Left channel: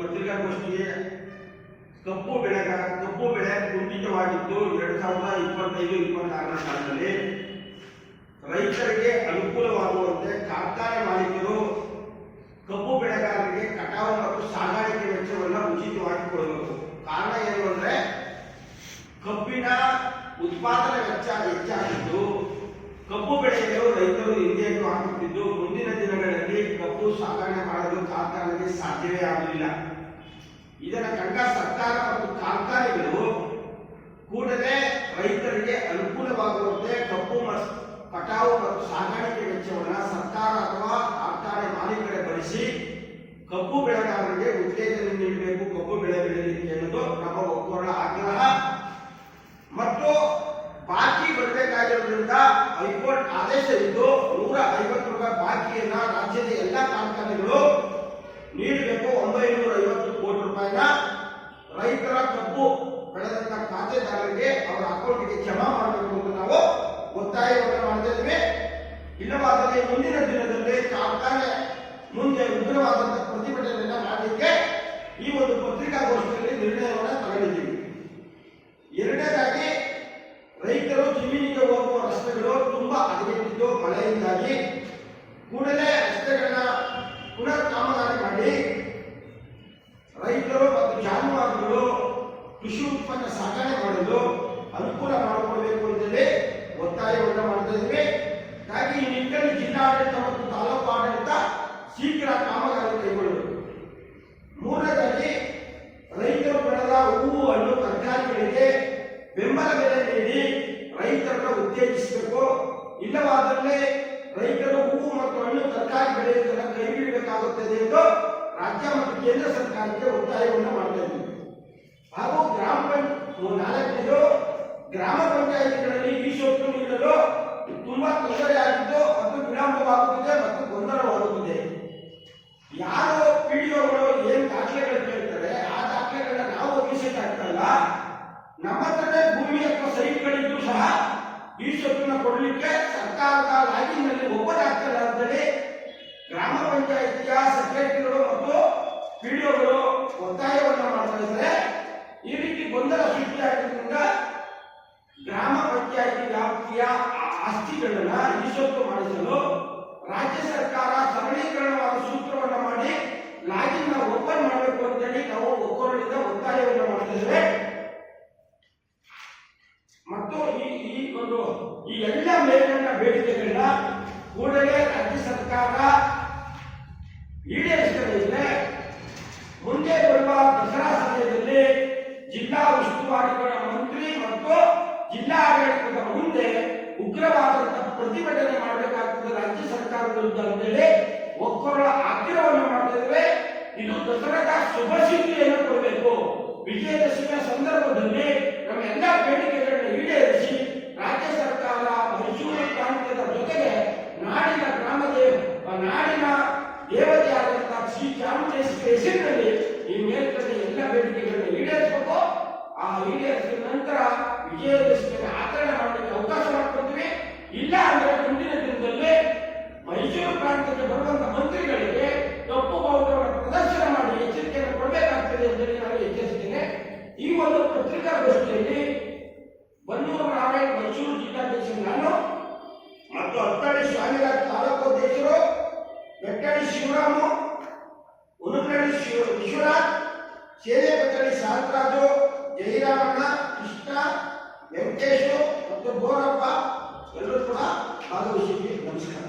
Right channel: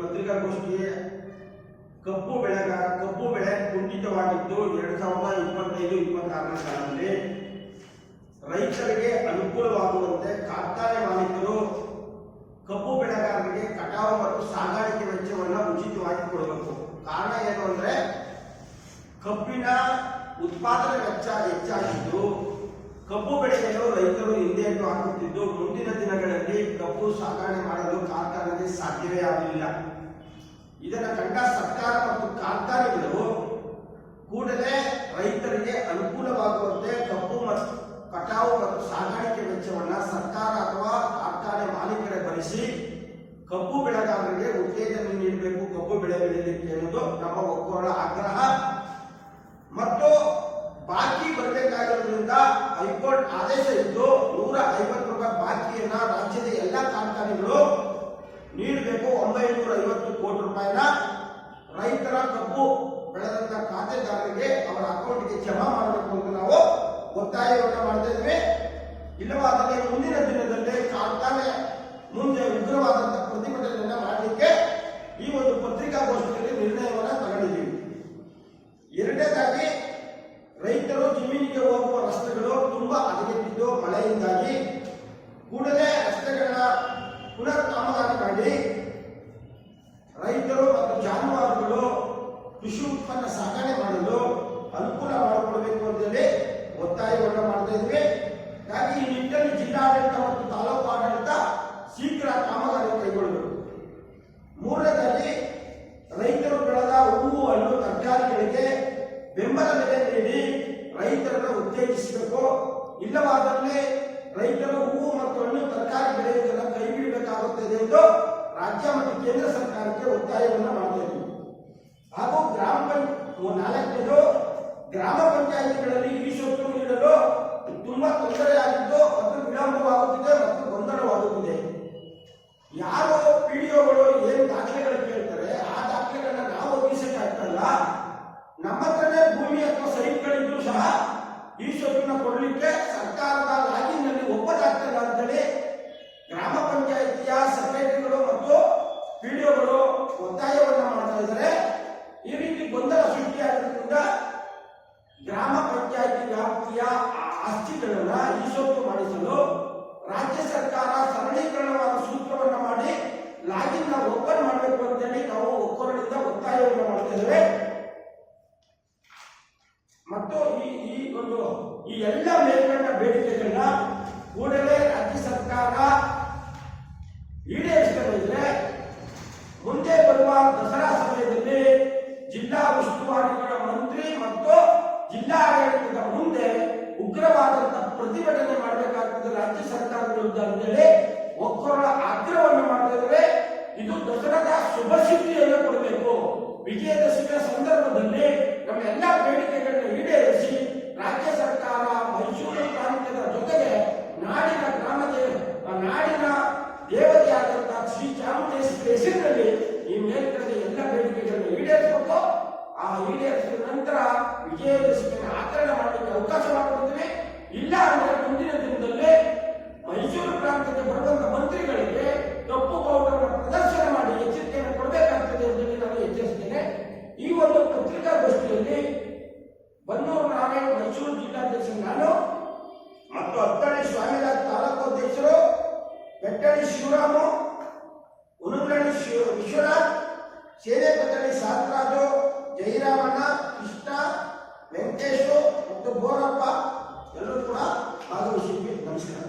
ಪತ್ರಿಕಾಗೋಷ್ಠಿಗೆ ಕಪ್ಪು ಬೆಳೆ ಕುಂಠಿತವಾಗಿದ್ದು 2025-26ನೇ ಸಾಲಿನಲ್ಲಿ ರೈತರಿಗೆ ಅನುಕೂಲವಾಗುವಂತೆ ಕಾರ್ಖಾನೆ ಮಾಲೀಕರು ಕಬ್ಬು ಬೆಳೆಗಾರರಿಗೆ ಕಟಾವು ಮತ್ತು ಸಾಗಾಣಿಕೆ ವೆಚ್ಚವನ್ನು ಉಚಿತವಾಗಿ ಕೊಡಬೇಕು. ಕಾರಣ ಏನು ಅಂದ್ರೆ ಕಬ್ಬಿನ ಉತ್ಪಾದನೆ ವೆಚ್ಚ ಹೆಚ್ಚಾಗಿದ್ದು ಕಬ್ಬು ಬೆಳೆಯಲು ರೈತರು ಹಿಂದೇಟು ಹಾಕುತ್ತಿದ್ದು ಮುಂದಿನ ದಿನಗಳಲ್ಲಿ ಕಬ್ಬು ಸಾಗಣೆ ಮಾಡಲು ಕಾರ್ಖಾನೆಗೆ ಸಾಧ್ಯವೇ ಆಗಲಿಲ್ಲ. ಇದನ್ನು ಕಂಡ ಸರ್ಕಾರ ಮತ್ತು ಕಾರ್ಖಾನೆಗಳು ಕೂಡಲೇ ರೈತರಿಗೆ ಅನುಕೂಲವಾಗುವಂತೆ ಕಬ್ಬು ಕಟಾವು ಮತ್ತು ಸಾಗಾಣಿಕೆ ವೆಚ್ಚವನ್ನು ಸರ್ಕಾರ ಅಥವಾ ಕಾರ್ಖಾನೆ ಮಾಲೀಕರೇ ಭರಿಸಿ ಕಬ್ಬು ಬೆಳೆಗಾರರಿಗೆ ಉತ್ತೇಜನ ನೀಡಬೇಕು, ಕಬ್ಬು ಬೆಳೆ ಬೆಳೆಯಲಿಕ್ಕೆ ಎನ್ನುವುದು ನಮ್ಮ ಒಕ್ಕೂಟದ ಆಗ್ರಹ. ಮತ್ತು ಬಾಕಿ ಬರಬೇಕಾಗಿರೋದ್ರಿಂದ ಹೈಕೋರ್ಟ್ ಆದೇಶವಿದ್ದು 150 ರೂಪಾಯಿ ಬಾಕಿಯನ್ನ ರಾಜ್ಯದ ಎಲ್ಲ ಕಾರ್ಖಾನೆಗಳು ನೀಡಬೇಕು. 950 ಕೋಟಿ ರೂಪಾಯಿನ ರೈತರ ಕಬ್ಬು ಬೆಳೆದಂತ ಖಾತೆದಾರರಿಗೆ ಅವರ ಅಕೌಂಟ್ಗೆ ಜಮಾ ಮಾಡಬೇಕು ಅಂತ ನಾವು ಒತ್ತಾಯವನ್ನು ಮಾಡ್ತಾ ಇದ್ವಿ. ಇಲ್ಲವಾದರೆ ಮುಂದಿನ ದಿನದಲ್ಲಿ ಕಾರ್ಖಾನೆ ಮುಂದೆ ಉಗ್ರವಾದಂತಹ ಪ್ರತಿಭಟನೆಯನ್ನ ಮಾಡಲಿಕ್ಕೆ ಈ ಒಂದು ಪತ್ರಿಕಾಗೋಷ್ಠಿಯಲ್ಲಿ ನಿರ್ಣಯವನ್ನು ತಗೊಂಡಿದ್ದೀವಿ. ಎರಡನೇದಾಗಿ ರೈತರು ಜಮೀನಿಗೆ ಹೋಗುವ ರಸ್ತೆಗಳು ತುಂಬಾ ಹದಗೆಟ್ಟಿದ್ದು ಮಳೆಯಿಂದಾಗಿ ಕೂಡಲೇ ರಸ್ತೆಗಳನ್ನ ಪುನರ್ ಕಾಮಗಾರಿ ಮಾಡಿ ರೈತರು ಮತ್ತು ಜಾನುವಾರುಗಳು ಕೃಷಿ ಉತ್ಪನ್ನ ಸಾಗಣೆ ಮಾಡಲು ಅನುಕೂಲ ಮಾಡಿಕೊಡಬೇಕು ಅಂತೇಳಿ ಒತ್ತಾಯವನ್ನು ಮಾಡ್ತಾ ಇದ್ವಿ. ಹಾಗಾಗಿ ಈ ನಿಟ್ಟಿನಲ್ಲಿ ಜಿಲ್ಲಾಡಳಿತ ಮತ್ತು ತಾಲೂಕು ಆಡಳಿತ ಶೀಘ್ರ ಕಾಮಗಾರಿ ಕೈಗೊಳ್ಳಬೇಕು. ಮೂರನೇದಾಗಿ ರೈತರು ಬೆಳೆದ ಹೂವು ಹಣ್ಣು ತರಕಾರಿಗಳಿಗೆ ಬೆಂಬಲ ಬೆಲೆ ನೀಡಿ ರೈತರನ್ನು ಉತ್ತೇಜಿಸಬೇಕು. ಇಲ್ಲವಾದಲ್ಲಿ ರೈತರು ಹೂವು ಮತ್ತು ಹಣ್ಣು ತರಕಾರಿ ಬೆಳೆಯುವುದನ್ನು ಕೈಬಿಡಬೇಕಾಗುತ್ತದೆ ಎಂದು ರಾಜ್ಯ ಮತ್ತು ಕೇಂದ್ರ ಸರ್ಕಾರಕ್ಕೆ ಒತ್ತಾಯವನ್ನು ಮಾಡ್ತಾ ಇದ್ದೀವಿ. ಹಾಗೂ ನಾಲ್ಕನೇದು ಗ್ರಾಮ ಪಂಚಾಯಿತಿಗಳಲ್ಲಿ ಈ ಸೊತ್ತು ನೀಡಲು ತುಂಬಾ ತೊಂದರೆಯಾಗಿದ್ದು ಮತ್ತು ವಿಳಂಬವಾಗುತ್ತಿದೆ ಮತ್ತು ಗೊಂದಲವಾಗುತ್ತಿದೆ. ಯಾರು ಪಿಡಿಒಗಳು ಏನು ದಾಖಲೆಗಳು ಕೇಳ್ತಾರೆ ಆ ದಾಖಲೆಗಳನ್ನ ನಾವು ಒದಗಿಸಕ್ಕಾಗಲ್ಲ. ನಮ್ಮ ಹತ್ರನೇ ಭೂಮಿ ಅಥವಾ ಸೈಟ್ಗಳಿದ್ದು ಸಹ ಈ ಸೊತ್ತನ್ನ ಕೊಡಲಿಕ್ಕೆ ಸರ್ಕಾರದ ಲಾಗಿನ್ ನಲ್ಲಿ ಒಪ್ಪದಾಗ್ತಿಲ್ಲ ಅಂತೇಳಿ ಗ್ರಾಮ ಪಂಚಾಯಿತಿಯ ಸೆಕ್ರೆಟರಿಗಳು ಮತ್ತು ಪಿಡಿಒಗಳು ಒತ್ತಾಯವನ್ನು ಮಾಡ್ತಾ ಇದ್ದಾರೆ. ಈ ರೀತಿ ಗೊಂದಲ ಸೃಷ್ಟಿಯಾಗಿದ್ದರಿಂದ ಗ್ರಾಮ ಪಂಚಾಯಿತಿ ವ್ಯಾಪ್ತಿಯ ಆಸ್ತಿಗಳನ್ನ ಈ ಸೊತ್ತು ಮಾಡಿಸಲು ರಾಜ್ಯ ಸರ್ಕಾರ ಸರಳೀಕರಣವಾದ ಸೂತ್ರವನ್ನು ಮಾಡಿ ಲಾಗಿನ್ ಓಪನ್ ಮಾಡಬೇಕು ಅಂತೇಳಿ ನಾವು ಒಕ್ಕೂಟದಿಂದ ಒತ್ತಾಯವನ್ನು ಮಾಡ್ತಿದ್ದೇವೆ. ಮತ್ತು ಈ ಎಲ್ಲ ಮೇಲ್ಕಂಡ ಬೇಡಿಕೆಗಳನ್ನ ಕೂಡಲೇ ರಾಜ್ಯ ಸರ್ಕಾರ ಈಡೇರಿಸಲಿದೆ. ಮುಂದೆ ಬರುವ ದಸರಾ ಸಮಯದಲ್ಲಿ ಜಿಲ್ಲಾ ಉಸ್ತುವಾರಿಗಳ ಮಂತ್ರಿ ಮತ್ತು ಜಿಲ್ಲಾ ಆಡಳಿತದ ಮುಂದೆ ಉಗ್ರವಾದಂತಹ ಪ್ರತಿಭಟನೆ ಮಾಡಬೇಕಾಗ್ತದೆ ರಾಜ್ಯ ಸರ್ಕಾರದ ವಿರುದ್ಧ ಅಂತೇಳಿ ಒಕ್ಕೂಟದ ಆಗ್ರಹವನ್ನು ಮಾಡ್ತಾ ಇದ್ದೇವೆ. ಇದು ದಸರಾದ ಶುಭ ಸುದ್ದಿಯನ್ನು ಕೊಡಬೇಕು. ವಿಜಯದಶಮಿಯ ಸಂದರ್ಭದಲ್ಲಿ ನಮ್ಮ ಎಲ್ಲ ಬೇಡಿಕೆಗಳನ್ನ ಈಡೇರಿಸಿ ರಾಜ್ಯ ಸರ್ಕಾರ ಮೈಸೂರು ಪ್ರಾಂತ್ಯದ ಜೊತೆಗೆ ನಾಡಿನ ನಾಡಿನ ದೇವತೆಯಾದಂತಹ ಶ್ರೀ ಚಾಮುಂಡೇಶ್ವರಿ ಹೆಸರಿನಲ್ಲಿ ಈ ಮೇಲ್ಕಂಡ ಎಲ್ಲ ಬೇಡಿಕೆಗಳನ್ನ ಈಡೇರಿಸಬೇಕು. ಆ ಈಡೇರಿಸಿದ ನಂತರ ವಿಜಯದಶಮಿಯನ್ನು ಆಚರಣೆ ಮಾಡಲಿಕ್ಕೆ ಅವಕಾಶ ಮಾಡಿಕೊಡ್ತೀವಿ. ಇಲ್ಲ ಅಂದ್ರೆ ಮುಂದಿನ ದಿನದಲ್ಲಿ ಮೈಸೂರು ಪ್ರಾಂತ್ಯಕ್ಕೆ ಬರುವಂತಹ ಮಂತ್ರಿಗಳಿಗೆ ಕಪ್ಪು ಬಾವುಟವನ್ನು ಪ್ರದರ್ಶನ ಮಾಡಿ ಎಚ್ಚರಿಕೆಯನ್ನು ಕೊಡಬೇಕಾಗ್ತದೆ ಅಂತ ನಾನು ಎಚ್ಚರಿಸ್ತೇನೆ. ಈ ಒಂದು ಪತ್ರಿಕಾಗೋಷ್ಠಿಯಲ್ಲಿ ಬನ್ನೂರು ನಾರಾಯಣ್ ಮೈಸೂರು ಜಿಲ್ಲಾಧ್ಯಕ್ಷ ನಾನು ಮತ್ತು ಹತ್ತಳ್ಳಿ ಸ್ವಾಮಿರಾಜ್ ತಾಲೂಕು ಅಧ್ಯಕ್ಷರು, ಬೆಟ್ಟಳ್ಳಿ ಶಿವರಾಮು, ಉನುಗ್ರಳ್ಳಿ ವಿಶ್ವನಾಥ್, ಸೇನೆಪತಳ್ಳಿ ಶಾಂತರಾಜು, ಜಯರಾಮಣ್ಣ, ಕೃಷ್ಣ, ವೆಂಕಟೇಶು ಮತ್ತು ಬೋರಪ್ಪ ಎಲ್ಲರೂ ಕೂಡ ಭಾಗವಹಿಸಿದ್ವಿ. ನಮಸ್ಕಾರ.